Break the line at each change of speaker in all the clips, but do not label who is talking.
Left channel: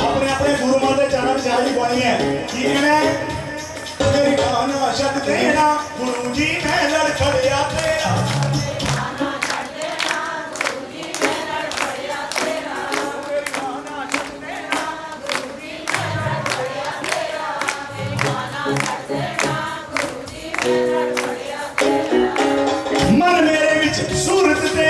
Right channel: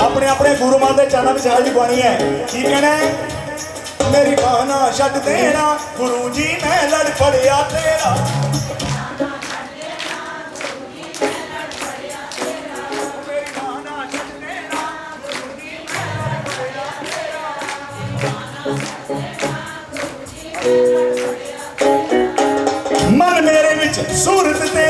ਆਪਣੇ ਆਪਣੇ ਗੁਰੂ ਮਹਾਰਾਜ ਦੇ ਚਰਨਾਂ ਵਿੱਚ ਹਾਜ਼ਰੀ ਪਾਣੀ ਹੈ। ਕੀ ਕਹਿਣਾ ਹੈ? ਮੇਰੀ ਬਾਣਾ ਛੱਡ ਦੇਣਾ ਗੁਰੂ ਜੀ ਮੈਂ ਲੜ ਛੱਡ ਦੇਣਾ। ਗੁਰੂ ਜੀ, ਮੈਂ ਲੜ ਫੜਿਆ ਤੇਰਾ। ਮਨ ਮੇਰੇ ਵਿੱਚ ਸੂਰਤ ਤੇਰੀ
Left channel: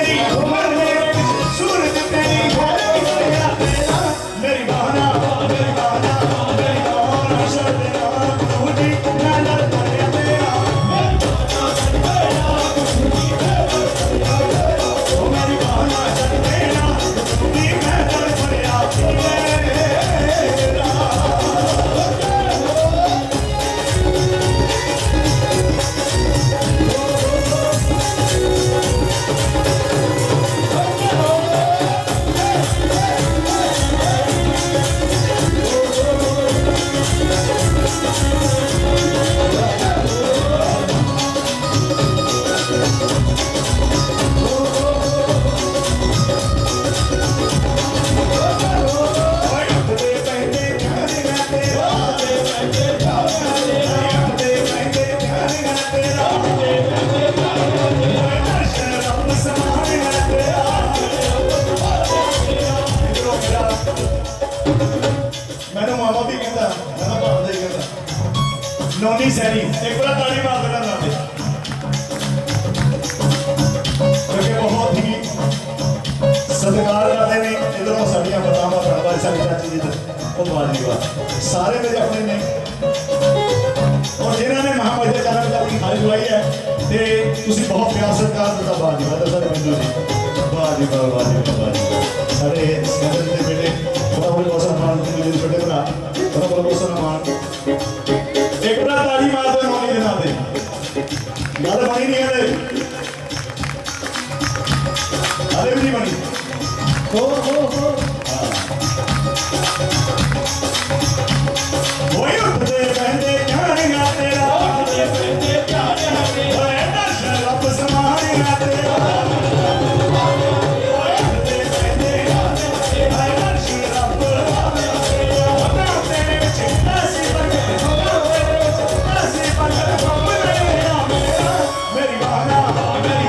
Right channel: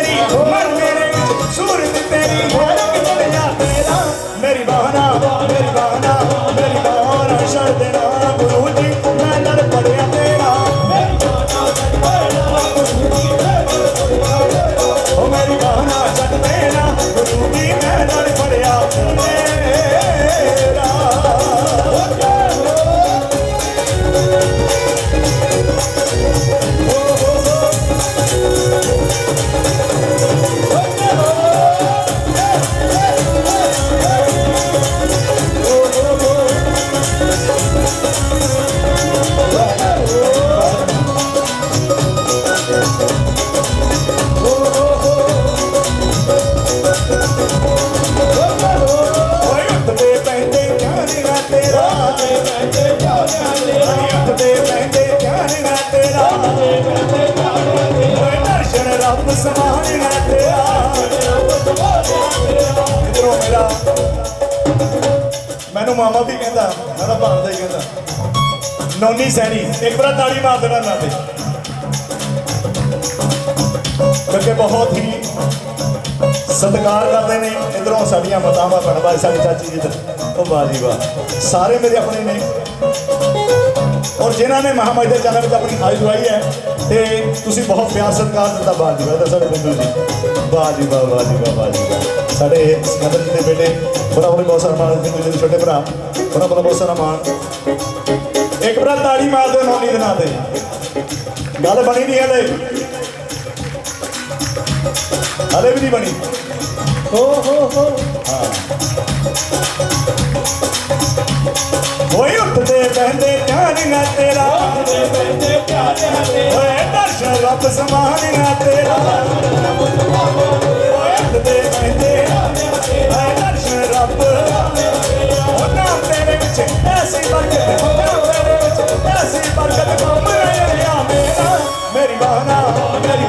ਮੈਨੂੰ ਮਾਮਾ ਵੀ ਕਹਿੰਦਾ, ਮੈਂ ਭਾਂਦਾ ਹੀ ਕਹਿੰਦਾ, ਨੌਨੀ ਸੈਣੀ, ਇੱਕ ਵਾਰ ਤਾੜੀ ਮਾਰ ਦੇਣਾ ਮੈਂ ਤੇ ਕਿਉਂਕਿ ਬਹੁਤ ਹੀ ਸਤਿਕਾਰ ਕਰਦੇ ਨੇ, ਇਧਰੋਂ ਸਾਡੀਆਂ ਮਾਤਾਵਾਂ ਭੈਣਾਂ ਸਾਡੇ ਚਾਚੀ ਜੀ ਉਹ ਬਾਜੀ ਵਾਹ। ਸਾਰੇ ਮੇਰੇ ਆਪਣੇ ਨੇ। ਔਰ ਜਿਨ੍ਹਾਂ ਨੇ ਮਹਾਮਾਈ ਦੇ ਚਰਨ ਵਿੱਚ ਆਪਣੀ ਹਾਜ਼ਰੀ ਲਵਾਈ ਹੈ ਤੇ ਤੁਸੀਂ ਬਹੁਤ ਪਿਆਰ ਸਤਿਕਾਰ ਦਿੱਤਾ ਬਾਜੀ ਤਾਂ ਸਾਡੇ ਬਿੰਦੂ ਜੀ। ਬਾਜੀ ਵਾਹ ਬਾਜੀ ਵਾਹ ਬਾਜੀ ਸਾਡੇ ਸਿਕੰਦਰ ਜੀ ਦੇ ਬੇਟੇ ਬੜਾ ਬੜਾ ਬਹੁਤ ਸਾਰਾ ਮਾਣ ਦੇ ਛੋਟੇ ਭਰਾ। ਬੜਾ ਬੜਾ ਬਹੁਤ ਸਾਰਾ ਮਾਣ ਇੱਕ ਵਾਰ ਤਾੜੀ ਮਾਰ ਦਿਓ ਨੌਨੀ ਦੇ ਨਾਂ ਤੇ। ਗੱਲ ਬਣੀ ਨਹੀਂ ਹਲੇ। ਹਲੇ ਵੀ ਨਹੀਂ ਬਣੀ। ਹੋ ਹੋ। ਹੋ। ਮੇਰੀ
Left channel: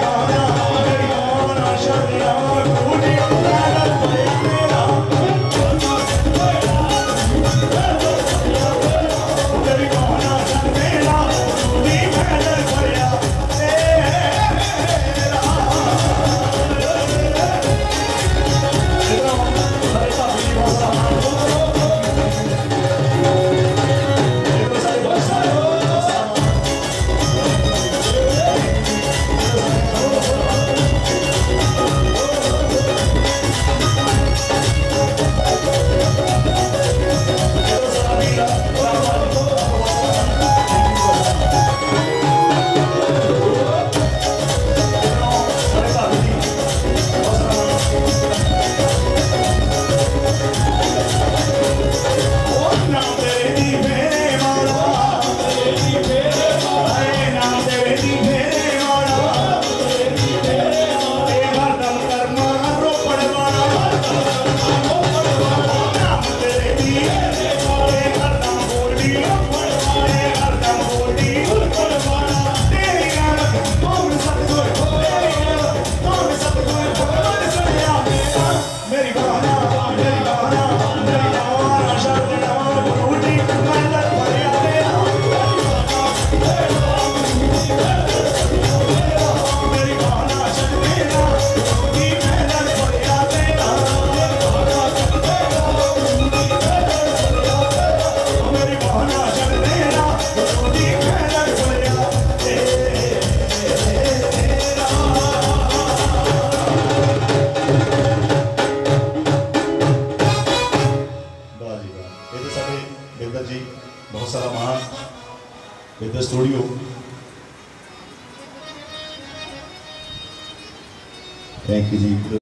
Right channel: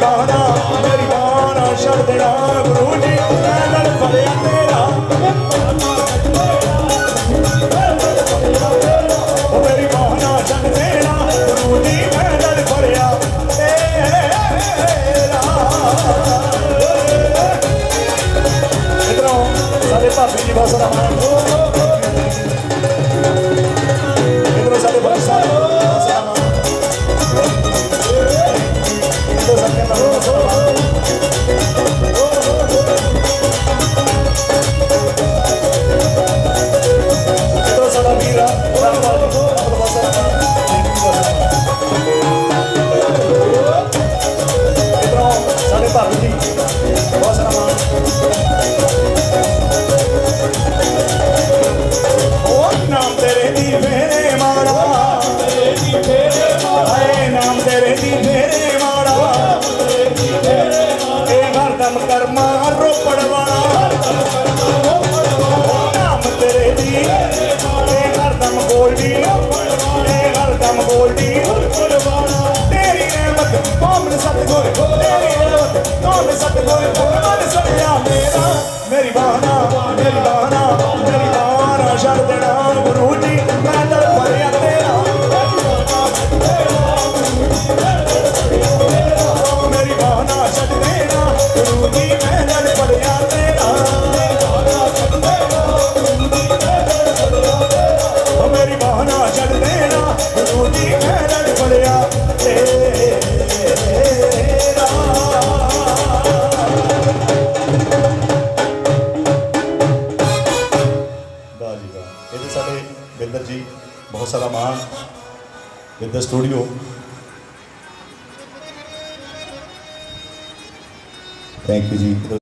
जी बहुत सारा मान with the studio thank you ji